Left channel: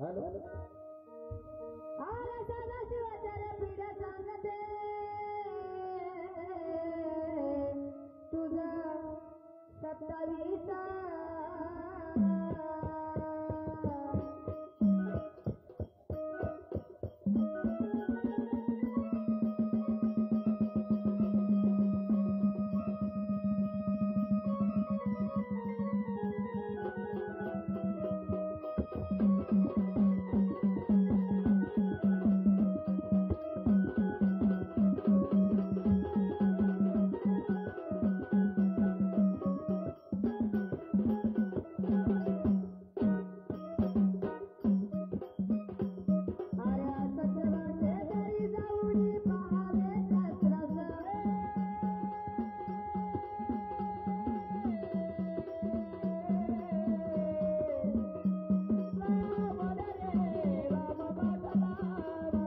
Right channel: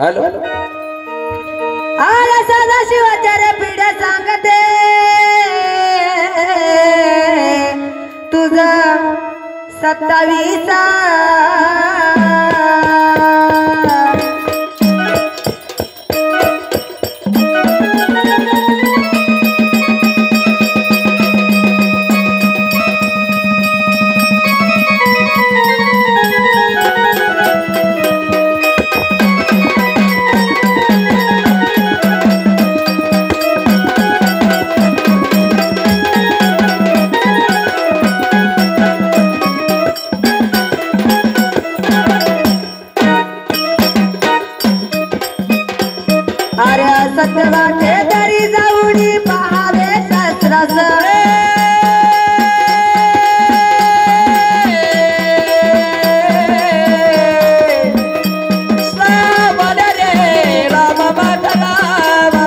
Hello आला सदा शिवाच्या रे पिढ्या सांगते तुझं 27 अरे सत्यवाटे तरी जाऊनी पहावे शास्त्रास श्रावण रे राम बदलावा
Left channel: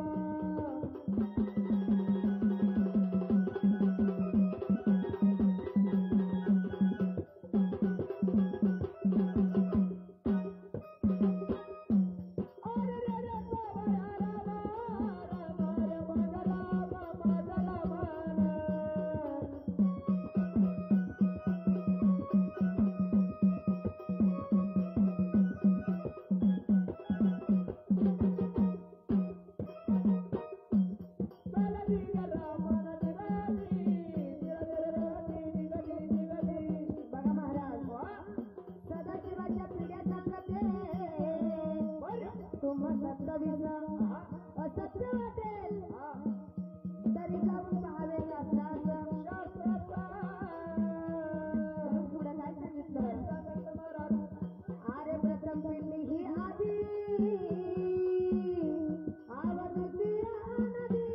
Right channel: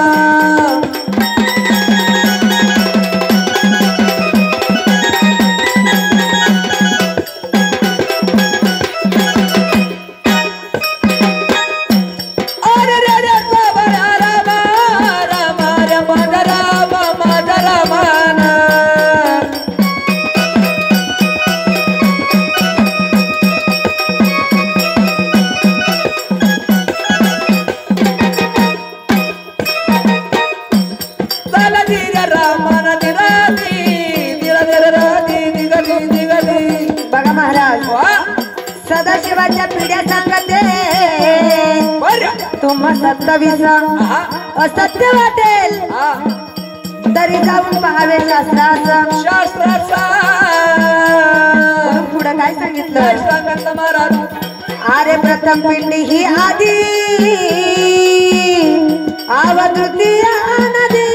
बघा महाराज सदाशिवाच्या पिढ्या सांगते तुम्हा 27 असत्य वाटेल तरी जाऊन पहावे शास्त्रास पुढे काय सांगितलं महाराज अरे प्रथम पिंडी ही आधी आवतृतीया नदी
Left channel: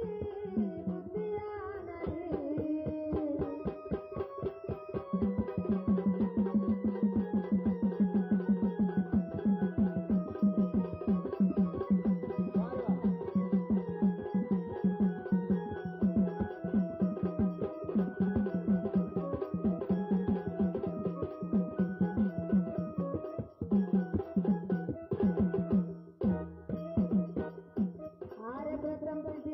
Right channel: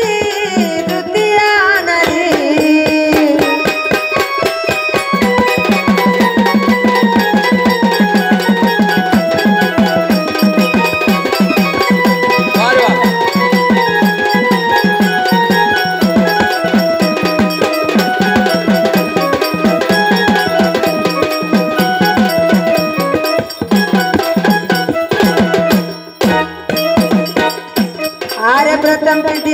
तृतीया नदी अरे प्रथम पिंडी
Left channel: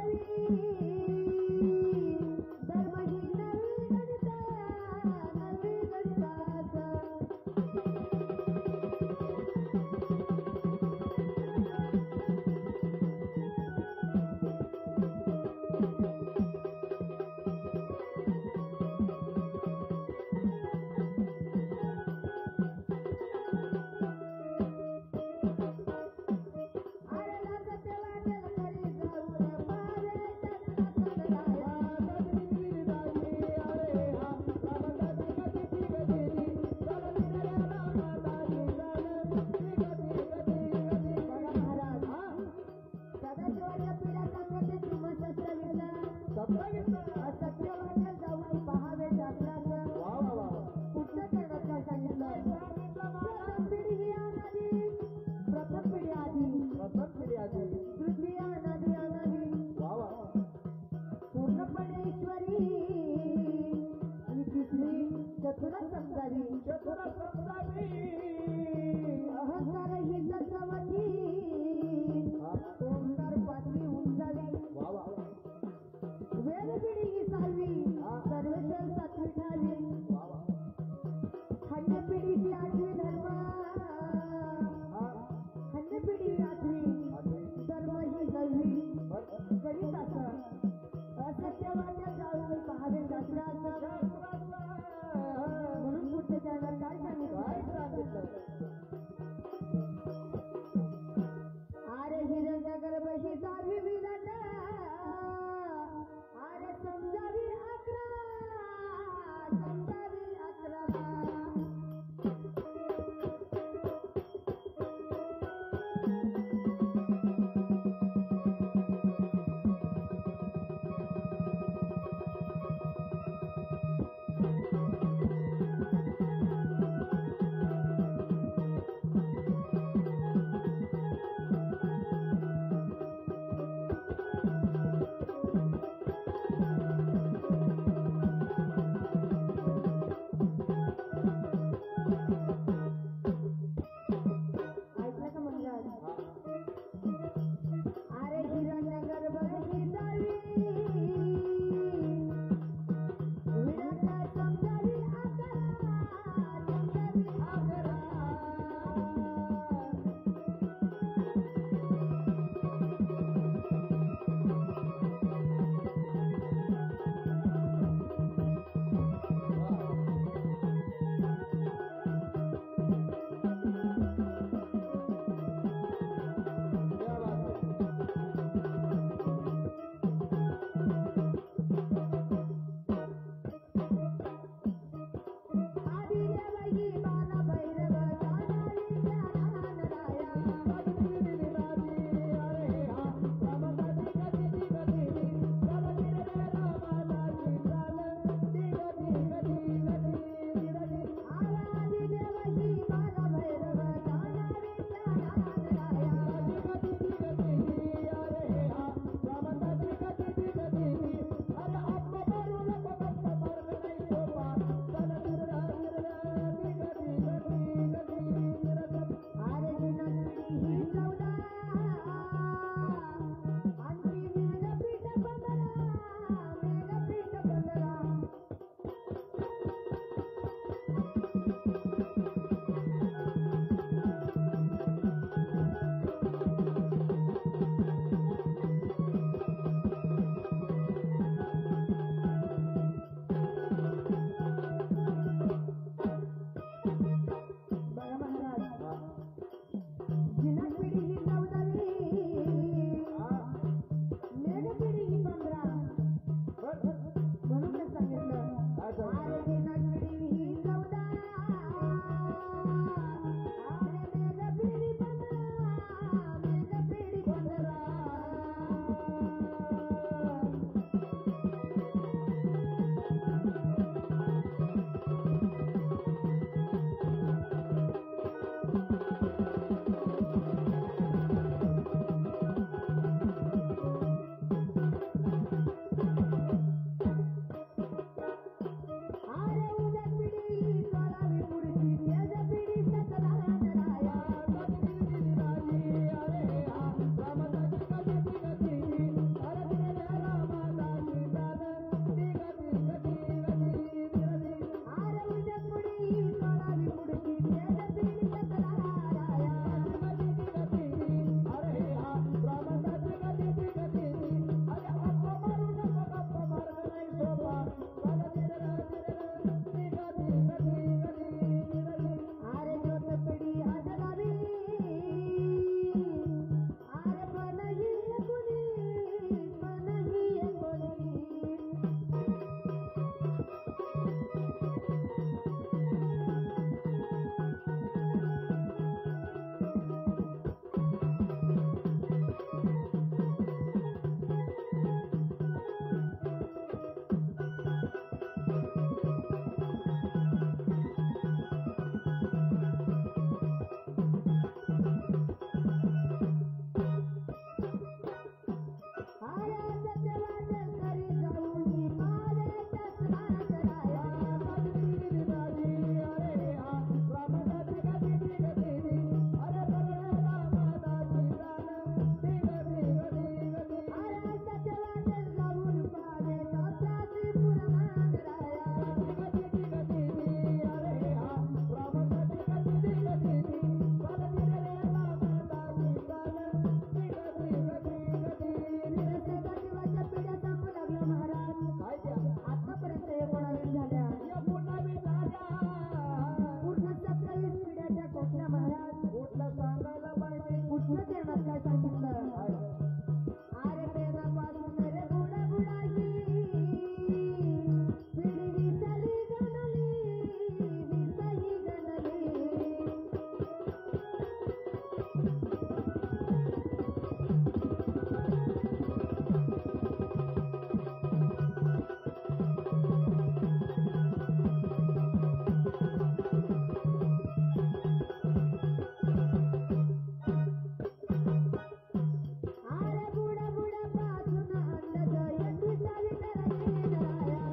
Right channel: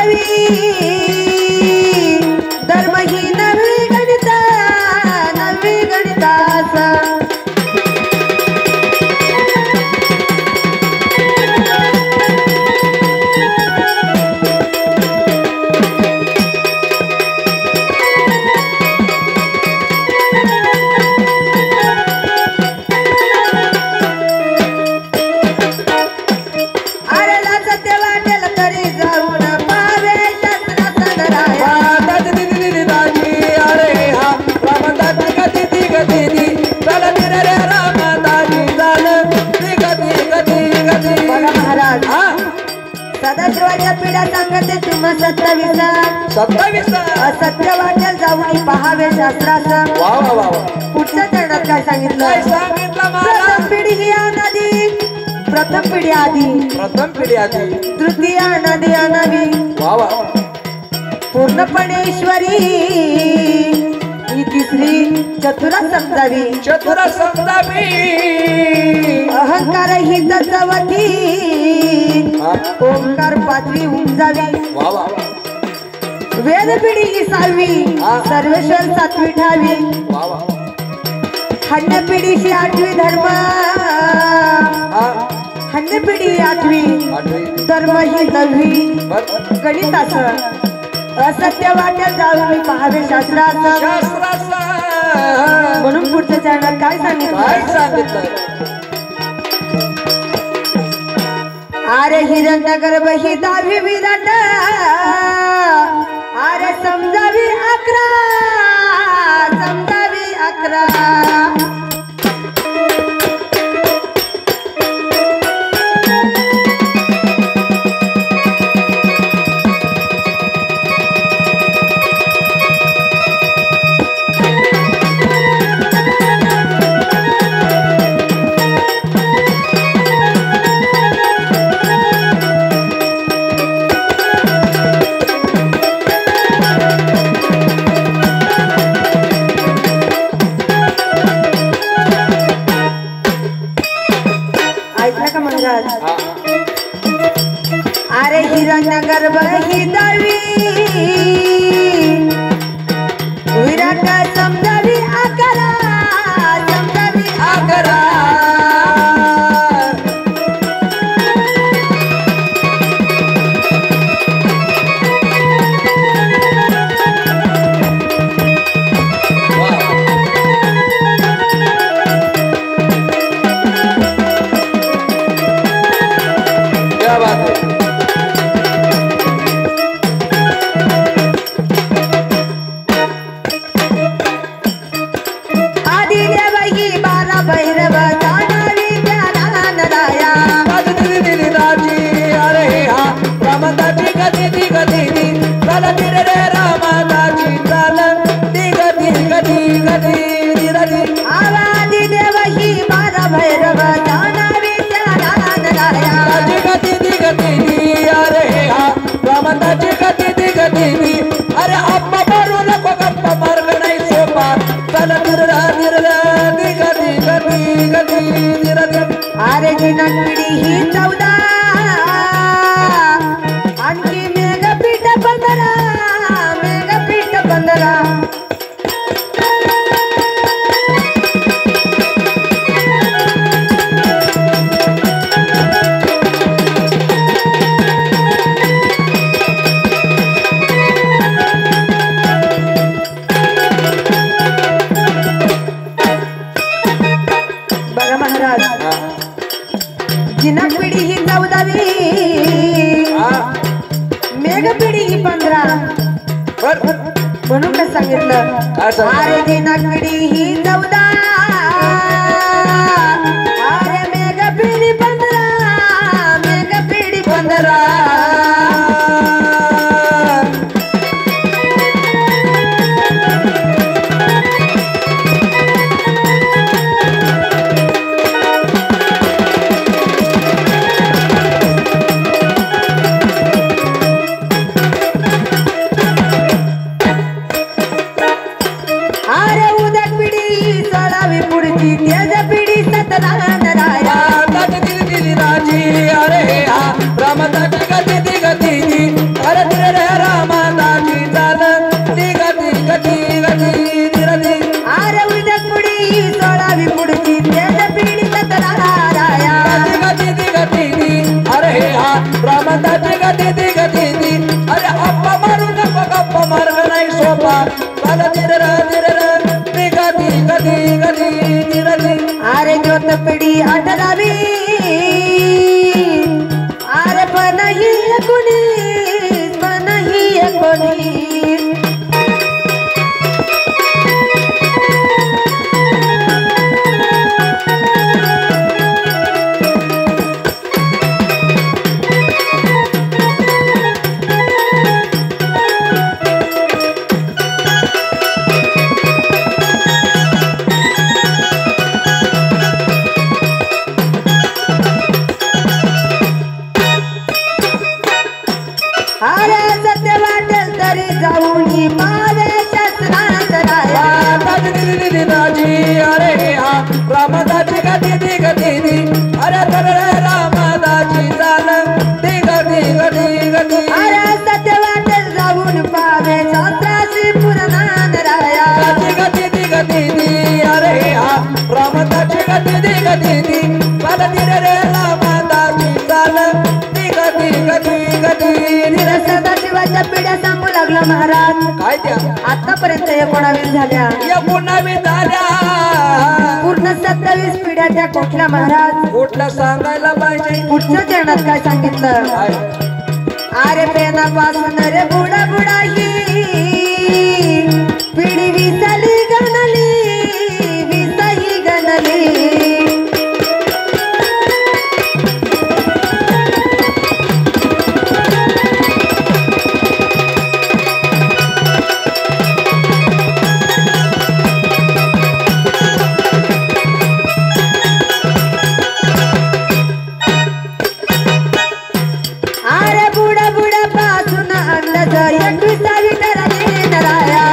वास्तवी धर्म ही नवी गणितास सदाशिवाच्या पिढ्या सांगते तुम्हा 27 असत्य वाटेल जाऊन पाहावे शास्त्रास वा वा वा वा. पुढच्या चरणात काय सांगितलं काय सांगितलं मला? प्रथम पिढी ही अनादी प्रथम पिढी आधी प्रथम पिढी आधी तृतीय अनादी अनावी वा वा. पूर्णपणे ईश्वरी ही तिसरी चतुरा समजावी चतुर समजावी अहंकार ही तत्वती हा. ओंकार पाचवी उमजावी वा वा वा. वेद पिढी ही 6वी हा. सर्वेश्वर 7वी ठावी वा वा वा. हन्य पिढी ही 8वी धर्म हा. हन्य पिढी 8वी आठवी धर्म ही 9वी बर. गणितास असत्य वाटेल जाऊन पाहावे शास्त्रास शास्त्राचा म्हणून पुढच्या चरणात काय सांगितलं काय सांगितलं? अरे हिरण्य गर्भ ही 10वी विराट अरे समजावी 11 हा. अरे हिरण्य गर्भ ही 10वी विराट समजावी 11 अकरा वा. क्या बात है. आदि देव ही 12 भैरव जाणावी ज्ञानानदाया दिली राजी अरे हा रामदाची गती गती चल रे रामदाची चल ती गती आवादी देव ही 12 भैरव जाणावी ज्ञानानदाया गती अरे हा रामदाची गती अरे अप्पा मारू नको गप्पा मार्ग नाही सोपा चल गती अरे दिनक पिढी ही 14 आणखी मेघपीठ 15 बघा महाराज हा. दिनक पिढी ही 14वी हा. मेघ पिढी ही 15 बर. म्हणून काय सांगितलं काय सांगितलं? अरे दिनक पिढी ही 14 अरे मेघ पिढी 15 अरे उदक पिढी 16वी पुढची तेज पिढी 17 नराया दिली राजी अरे हा रामदाची गती रामदाची गती दी गती दी अरे अप्पा मारू नको गप्पा मार्ग नाही सोपा चल धीर दी गती गती गती धीर अरे ज्योत पिढी 18वी अरे पण ही 19 पण ही 19 अरे सत्य वाटेल तरी जाऊन पावे शस्त्रांतराया अरे हा रामदाची गती दी गती दी अरे रामदाची चाल दी गती गती गती अरे सत्य वाटेल जाऊन पावे शास्त्राची पुरणानराया गती दी गती दी अरे हा रामदाची गती दी गती दी चाल धीर रामदाची चाल दी गती गती गती सदाशिवाच्या पिढ्या सांगू लागला महाराज काय त्या आतापर्यंत 19 झाल्या या पुन्हा झाल्या पूर्ण 27 पिढ्या त्या कुठल्या महाराज कुठलं सांगायला पाहिजे पुढच्या चरणात काय सांगितलं काय अरे पेनापासून रे बुडा बुडा ही पिढी विसली गणली विसही गणली अरे बुडा बुडा पासून अंदाज 21 ठरले नराया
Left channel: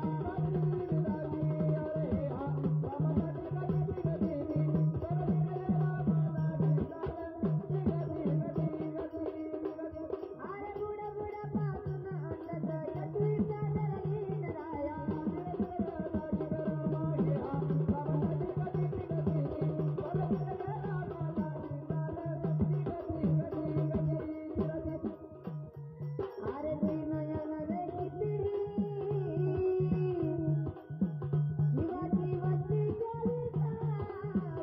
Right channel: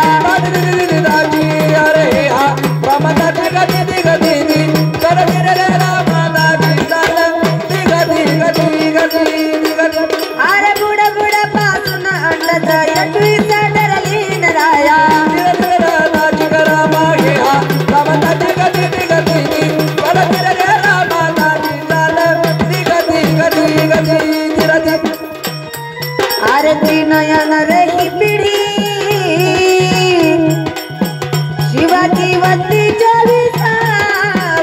अरे हा रामदाची गती दी गती दी चल धीर रामदाची चाल दी गती गती गती गती अरे बुडा बुडा पासून अंदाज 21 ठरले नराया रामदाची करा मागे हा रामदाची गती दी गती दी चल धीर रामदाची चाल दी गती गती गती गती अरे ती नयन रे ही पिढी शिवाजी वस्ती 24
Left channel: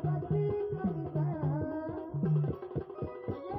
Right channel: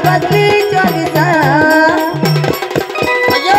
वस्ती 24 अरे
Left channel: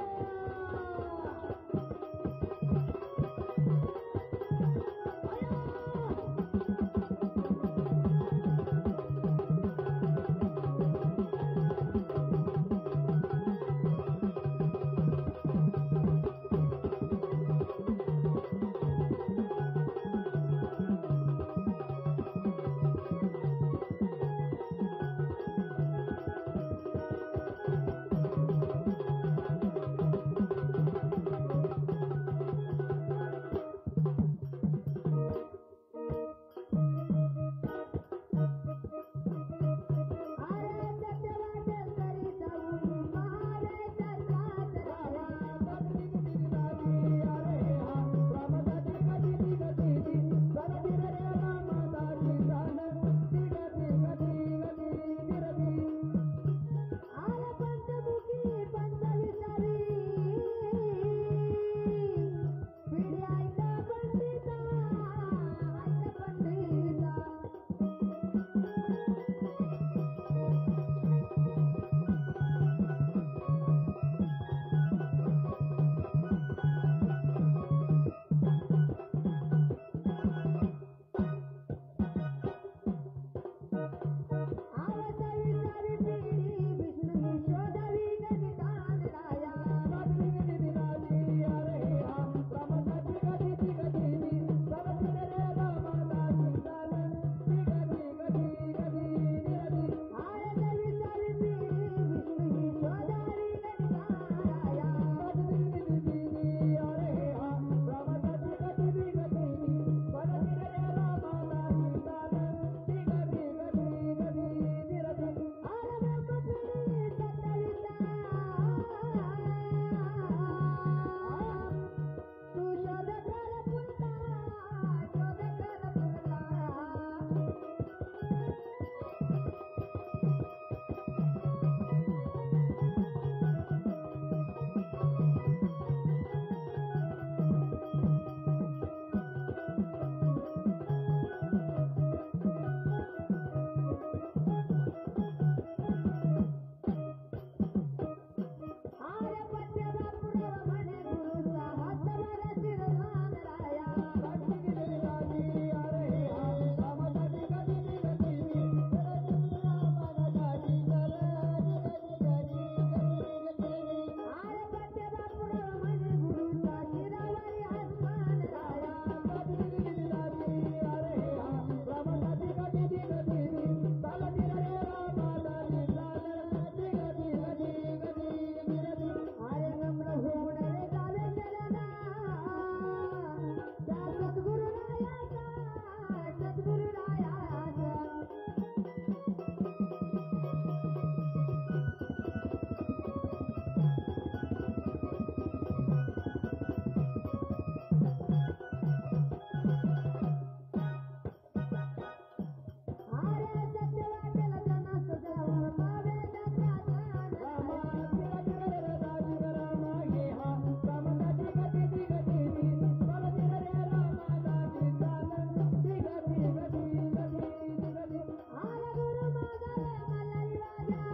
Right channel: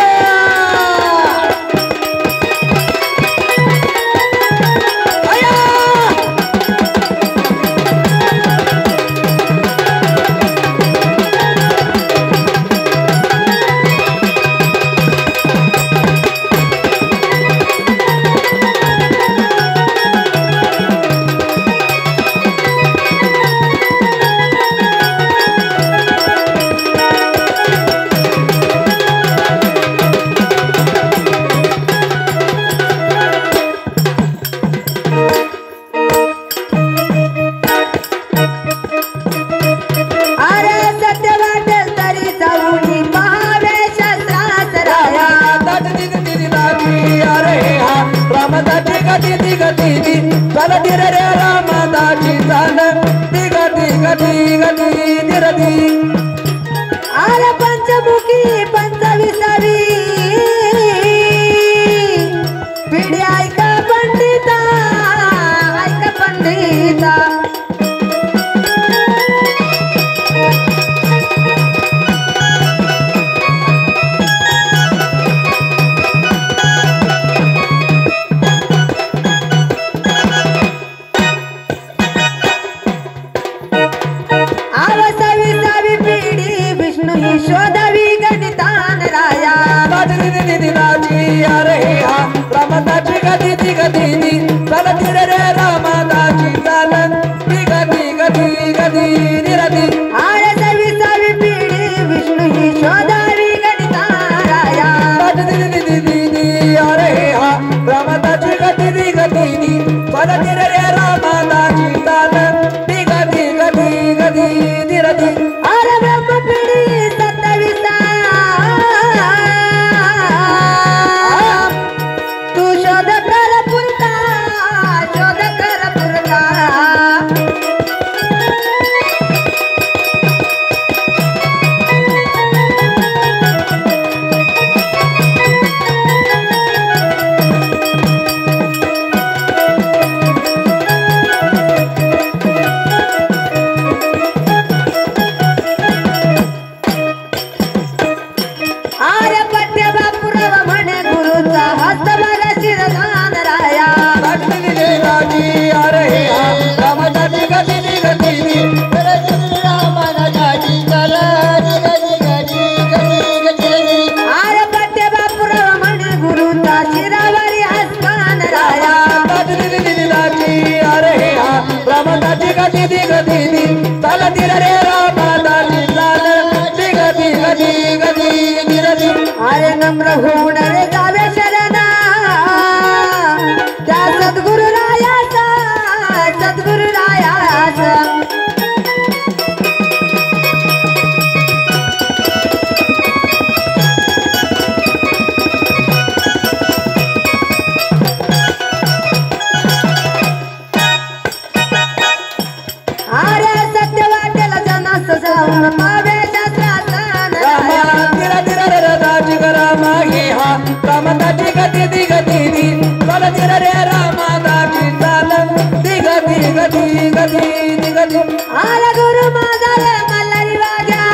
गदी आला गुरु माझा रे मल्हारी वाग्या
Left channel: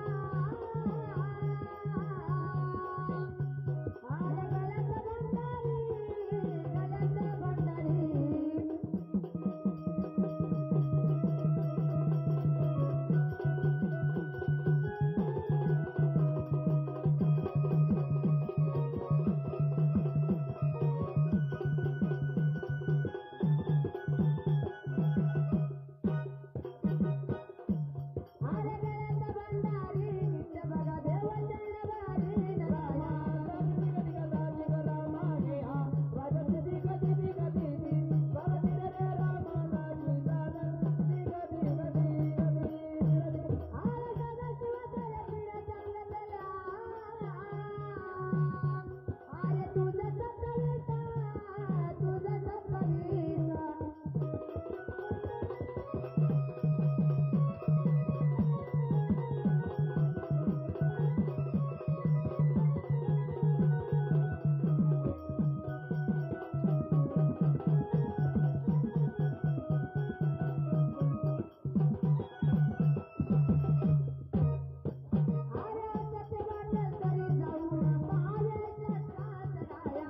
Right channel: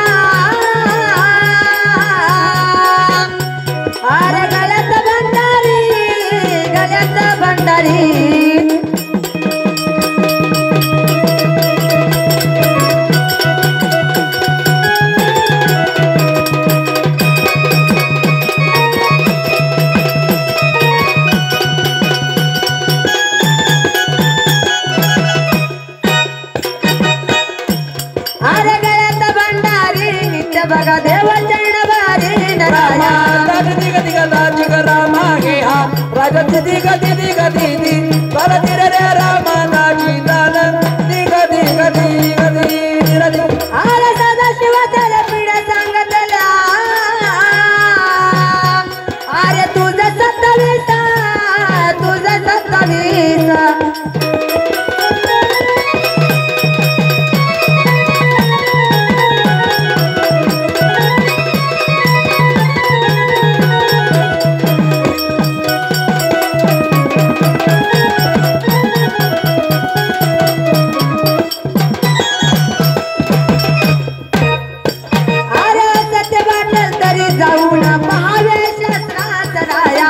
अरे गळ्यात भंडारी अरे गळ्यात भंडारी नित्य बघा देव चरण भारी नराया गदी गदी गदी रामा गे हा राजा दिदी गदी गदी परती रे रामा नाची दाल गदी गदी गदी गदी अरे सदा शिवाच्या पिढ्या सांगतल्या अरे तुझं 27 अरे सत्य वाटेल तरी जाऊ ना पहावे शास्त्रात राया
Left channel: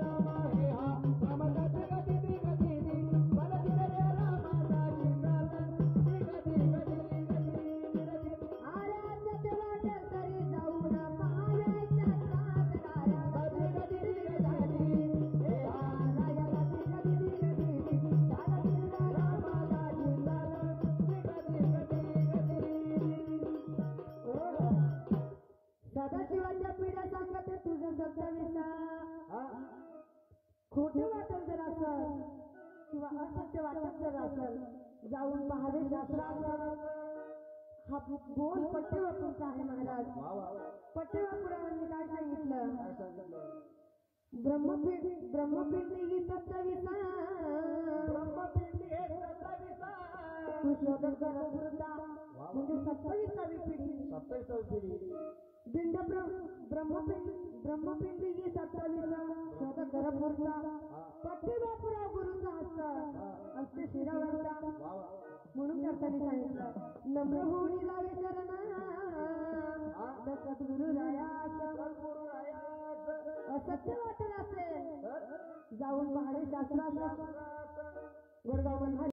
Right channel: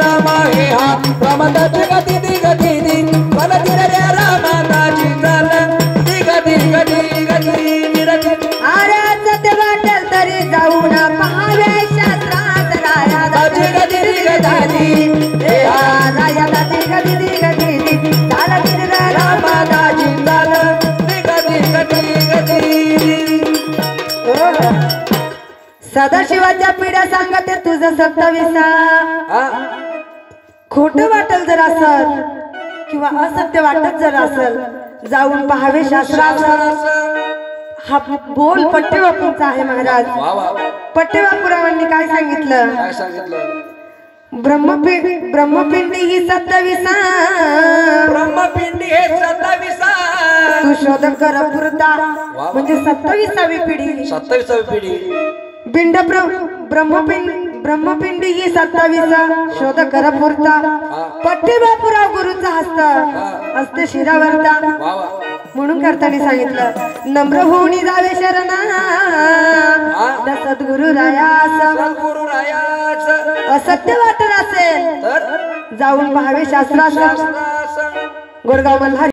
रामा गे हा रामा गदी गदी परती रे रामा नाची दाल गदी गदी गदी गदी अरे सत्य वाटेल तरी जाऊ ना पहावे शास्त्रात राया गदी गदी हे राया दादी गदी चालत रे रामा नाची दाल गदी गदी गदी सदाशिवाच्या पिढ्या सांगते तुझं 27 खोट वाटल जर असल किंवा असत्य वाटत जर असल जाऊन पहावे शास्त्रात हा बोल पट्टेबापूंचा आहे महाराज वा वा पट्टेबापुरावांनी काय सांगितलं काय सांगितलं ब्रह्मपिंडी ही 27 ब्रह्मपिंडी हे 27 तू शोध कर पुरता म्हणजे 27वी पिढी 27वी पिढी ब्रह्मपिंडी ही 27 शोध कर पुरता पट्टेबापुराव गुरुचा हस्त असते शिरावरता वा वा म्हणून करताना सांगितलं नम्र होऊनी जावे शरणा सद्गुरु रायास सद्गुरु रायाच असत्य वाटत असेल तर जाऊन पहावे शास्त्रास शास्त्रास गोरगाव मल्हार